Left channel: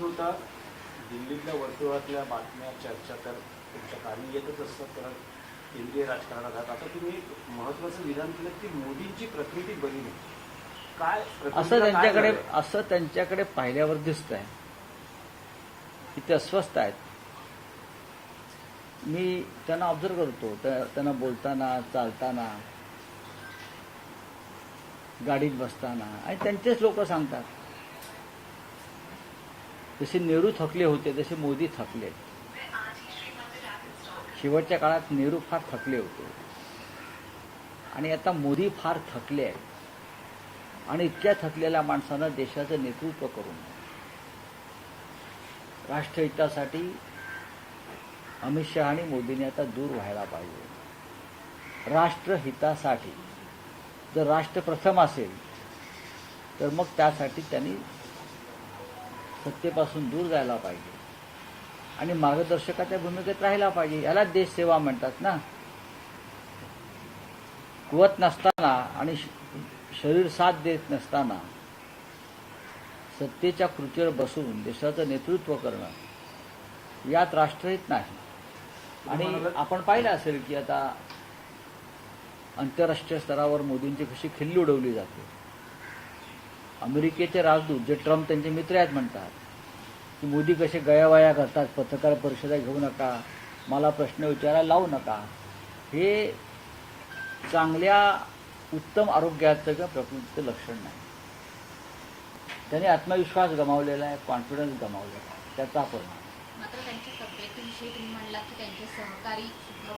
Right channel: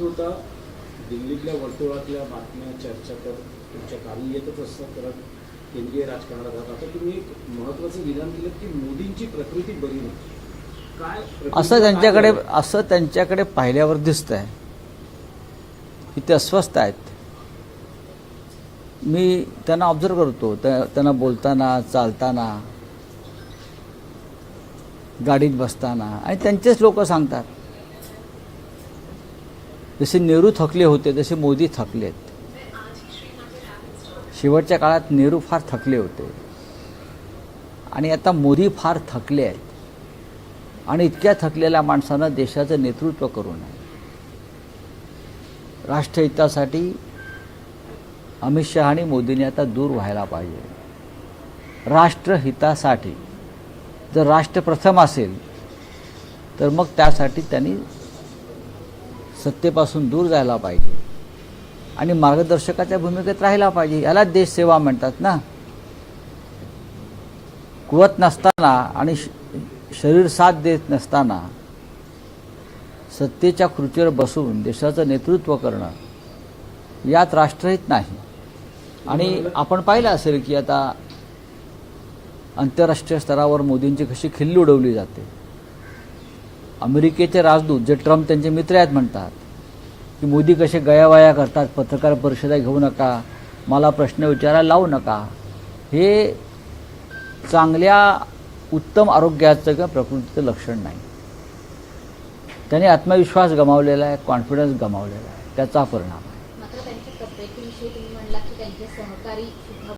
होता दिल्लीतल्या वर्तुळातल्या बातम्या चर्चा तर तुमच्या कार्य येतच असतात, कारण केंद्रीय राजकारणात आहात. आता तुम्ही एक महत्त्वाचं विधान केलं की मोदींची प्रकृती बरी नाही. काय असं त्यांच्याकडे पाहिल्यावर दिसतंय की ते अस्वस्थ आहेत. मी त्यांना ऑब्झर्व करतो, त्यांना बोलताना, चालताना, गाडीत बसताना, आणि त्यांचेच लोक सांगतात जसे नेहरू थकले होते तसे मोदी थकलेत. शेवटच्या काळात नेहरू फार थकले होते आणि आता मोदी फार थकले आहेत. आणि इतक्या थकलेल्या माणसानं देशाचं नेतृत्व करू नये. राष्ट्रहितासाठी अमित शहा आणि मोदींनी आता दूर व्हायला पाहिजे. राष्ट्रहितासाठी जर राष्ट्र प्रथम असेल तर मग त्यासाठी त्यांनी सत्तेपासून दूर जायला पाहिजे आणि मार्गदर्शकाच्या भूमिकेत राहायला पाहिजे. याला देशसेवा म्हणतात ना. कुवत नसताना आणि शरीर साथ देत नसताना सत्तेच्या खुर्चीवर बसून देशाचं नेतृत्व करणं यात राष्ट्रहित नाही. आणि आपण पाहिलं असेल की आता आंतरराष्ट्रीय स्तरावर मोदींची कशी खिल्ली उडवली जाते. अमेरिकेचे राजदूत जे ट्रम्प त्यांचे मित्र आहेत म्हणतात की मोदी कसे गयावया करतात, पत्रकार परिषदा घेऊ नका, मला प्रश्न विचारायला लावू नका. हे चांगल्या उत्तम आरोग्याचं किंवा प्रकृतीचं लक्षण नाही. त्याने आत्मविश्वास गमावलेला आहे, कॉन्फिडन्स गमावलेला आहे, त्याचा परिणाम. मात्र त्यांच्या तब्येतीविषयी तुम्ही म्हणला की त्यांचे सहकारी